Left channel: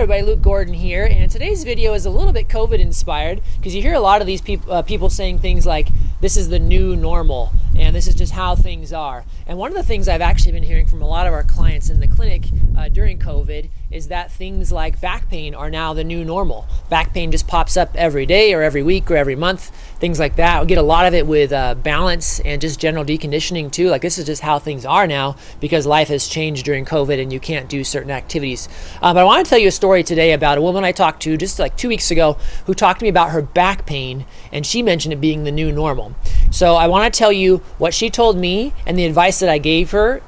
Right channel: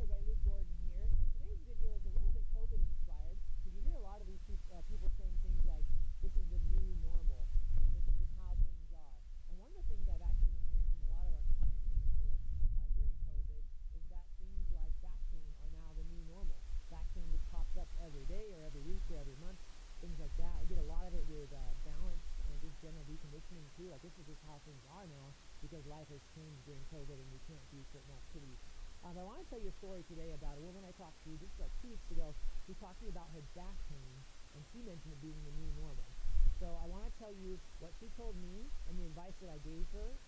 everybody, Luke Gordon here, and today's video is a little bit COVID inspired because you hear a lot of these people saying things like, this is the new normal, and this is just how things are. And one of the things I've actually been hearing from a lot of our clients in the clinic during COVID is that things like back pain are now the new normal. Back pain just pops up every day or every week or every month, things like that. We get a lot of it with balance and just general deconditioning too. Like, this is just how things are now because life has changed during COVID and you can't do certain activities. But I want to tell you a story today about a woman I talked to just like 2 weeks ago who talked to me about her back pain, and she mentioned it being the new normal. So I want to tell you what she told me and the advice that I gave her,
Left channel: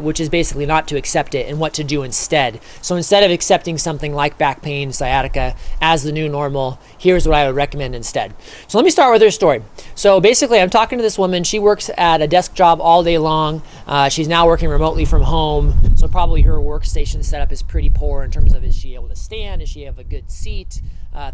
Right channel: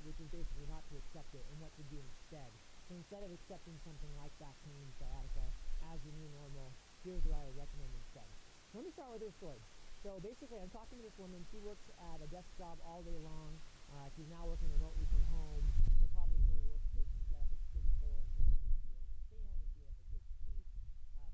which is basically not to accept it and what to do instead. So instead of accepting something like back pain, sciatica as the new normal, here's what I would recommend instead. So let me start with her story. So basically, I'm talking to this woman. She works at a desk job all day long. She's now working remotely from home. So probably her workstation setup is pretty poor in terms of, is she able to stand? Does she have a good seat?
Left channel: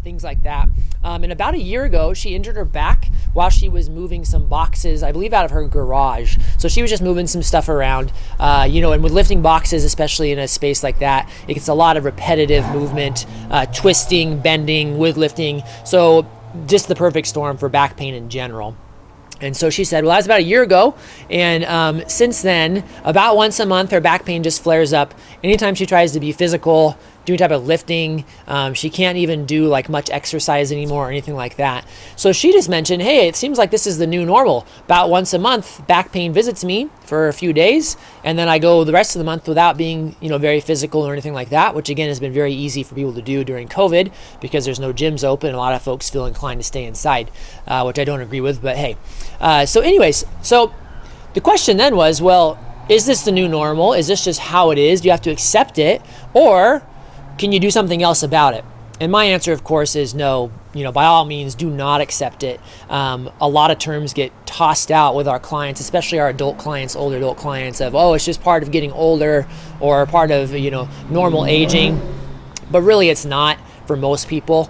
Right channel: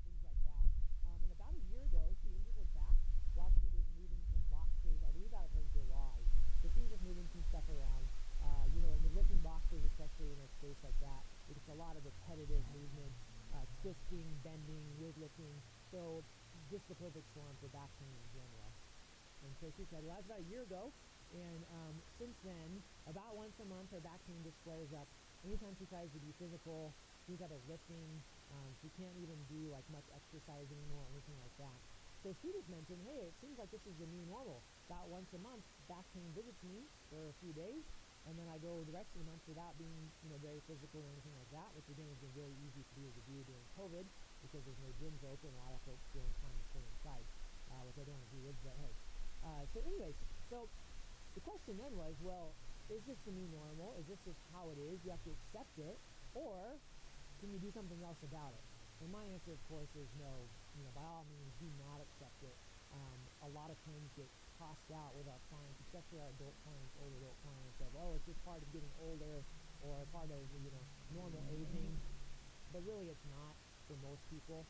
Things like that. And about a year ago, she injured her back while she was moving some boxes, I believe out of her garage. So she was just moving some stuff around, and with lifting boxes, especially in a space like that, it gets a lot of repetitive movement, twisting, bending with lifting. So just the perfect storm for back pain in general. And so she said, well, that was about a year ago. And since then, about once a month, her back pain just flares up. Anytime she tries to be physical, do any type of lifting, she can't even do like much exercise anymore or anything like that. So she just mentioned, hey, it seems like this is the new normal. About once a month, back pain visits me for a few days, and then I go the rest of the month without being, very physical or anything like that, which again has been very easy for people to do during COVID because there's no gyms open and a lot of folks feel inclined to stay inside, which I don't agree with, but hey. So the question then was, well, is this the new normal? Is this just how it is? Do you have to accept it? Or can you do something else about it? And my answer, of course, is no. By all means, do not accept it. A lot of terms get tossed out with our clients, especially our adult clients, older adult clients, of, oh, it's just part of getting older or part of, normal aging. But really, it's not for most people.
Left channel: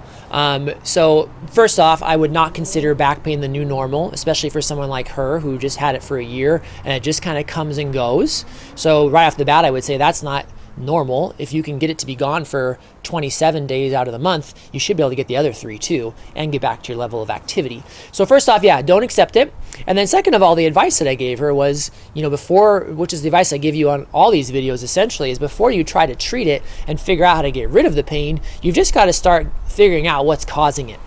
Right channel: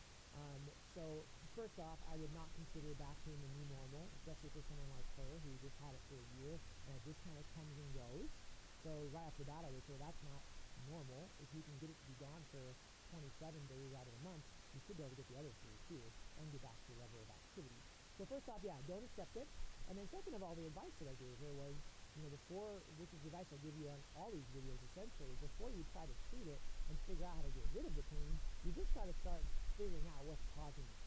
So first off, I would not consider back pain the new normal, especially for someone like her who just had it for a year and it just kind of comes and goes. So right off the bat, I would say that's not normal. If you can get it to be gone for 27 days out of the month, you should be able to get the other 3 too and get back to your level of activity. So first off, don't accept it. And then second of all, the advice that I gave her was, which is the advice I give you on all these videos essentially, is before you try to treat it and figure out how to get rid of the pain, you've just got to start figuring out what's causing it.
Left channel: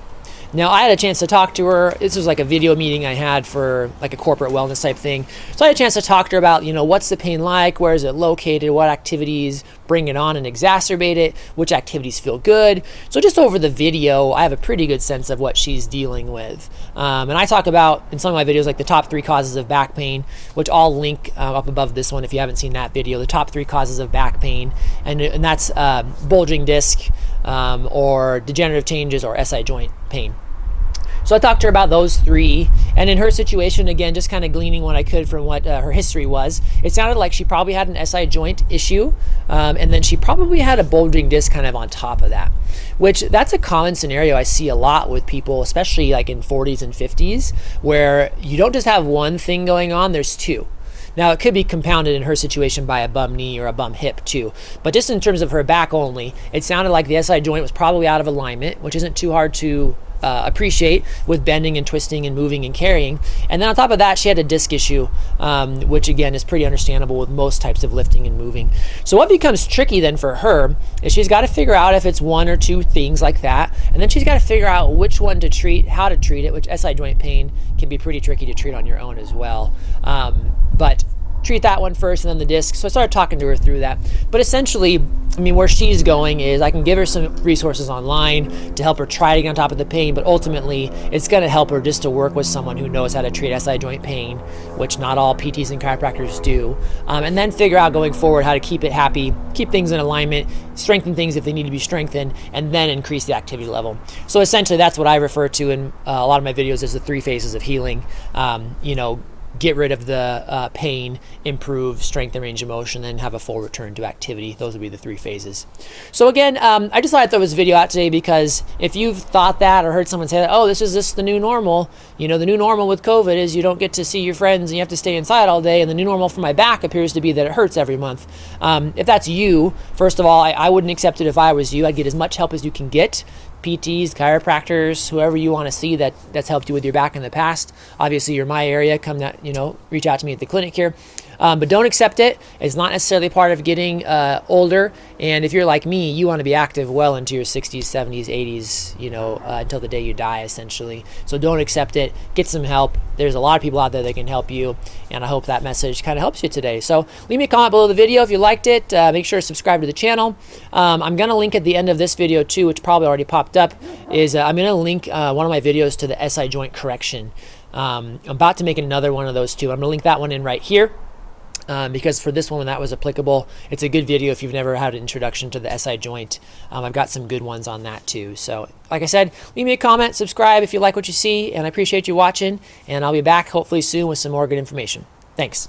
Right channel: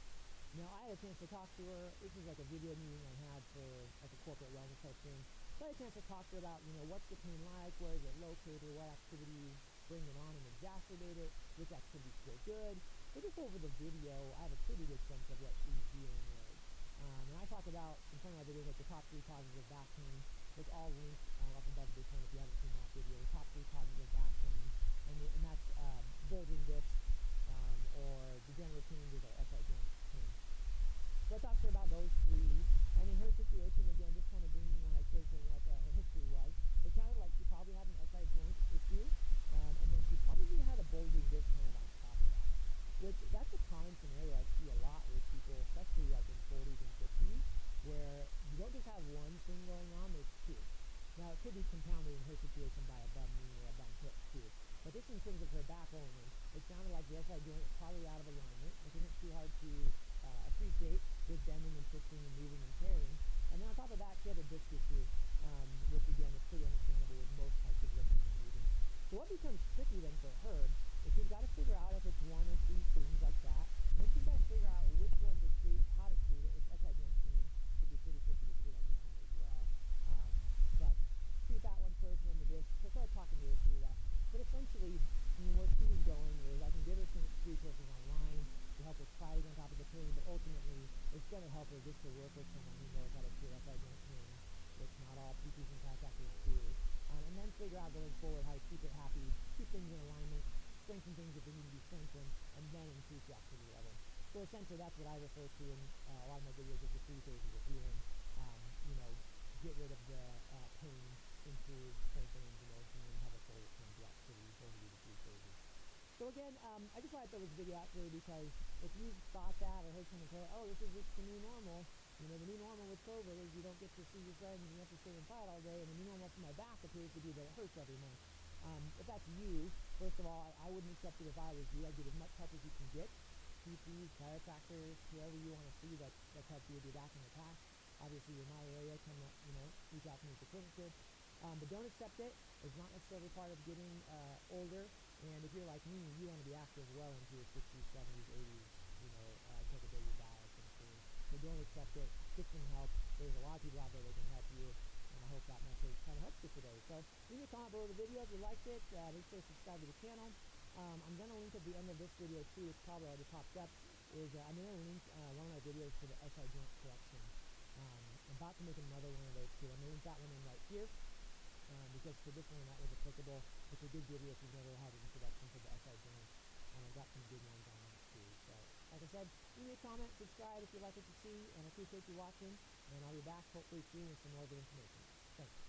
Now, I had a chance to talk to her. This was like a video meeting I had for like a corporate wellness type thing. So I had a chance to talk to her about, what's the pain like? Where is it located? What activities bring it on and exacerbate it? Which activities feel good? So just over the video, I have a pretty good sense of what she's dealing with. And I talk about in some of my videos, like the top 3 causes of back pain, which I'll link up above this one if you haven't seen that video, the top 3 causes of back pain. And that's bulging disc or degenerative changes or SI joint pain. So I talked to her about those 3, and in her situation, again, just kind of gleaning what I could from what her history was, it sounded like she probably had an SI joint issue, and then she probably had a bulging disc kind of on top of that, which that's a common scenario I see a lot with people, especially like in 40s and 50s, where you don't just have one thing going on, there's 2. Now, it could be compounded in her situation by a bum knee or a bum hip too. But just in terms of her back only, it sounded like the SI joint was probably out of alignment, which isn't too hard to appreciate with bending and twisting and moving and carrying. And then on top of that, she had a disc issue, which again is pretty understandable with most types of lifting and moving. So what becomes tricky then for her is she's got to figure out if it's 1 or 2 things like that. And then she's got to figure out which one to treat, how to treat it, which SI joint pain can be pretty tricky to treat on your own as well. But treat that one first and then the disc. So I started talking to her through that. But essentially, where she's going is I can give her some resources online to help her try to get on top of the pain, but ultimately it's going to help her just to work with someone who knows how to treat SI joint pain, which not all PTs and chiropractors do, and then figure out going forward how to keep it happy, keep things in alignment, strengthen things if they need to be strengthened, and then increase the activity level. So essentially that's what I refer to in a lot of my videos as the 3 phases of healing. get rid of the pain, improve strength and range of motion, then have a full return to activity. Those would be the 3 phases. So again, I just thought I'd throw this video out today because if you've thought that or heard someone say that, oh, this is the new normal, the new normal with COVID is you don't get to see your friends and you have to stay inside all day, and the new normal for my back appears to be that it hurts every month. If that's you, first of all, I wouldn't accept it if I was you. I'd get as much help as you can get. PTs, chiropractors, whoever you want to see that's helped you with your back in the past. Obviously, you're my area. Come, reach out to me at the clinic here. But don't accept it. It's not necessarily part of getting older. And if you're like me, you want to be active well into your 60s, 70s, 80s, until the day you die, essentially. So don't accept it. Get some help. There's a lot of people out there that can help you. And I hope that message kind of helps you today. So leave me a comment below the video if you liked it. Make sure to subscribe to the channel. I'm going to link at the end of this video too, which probably already popped up, is I'm going to link one of my videos to the SI joint correction. I'm about to make another one of those too. I'm going to link that one in right here. Because for this one, when that was applicable, it's a good video if you've never had an introduction to the SI joint. I've got some good ones on that too. So like I said, leave me a comment, subscribe if you like what you see, and I appreciate you watching, and I'll be back hopefully soon with some more good information. Thanks.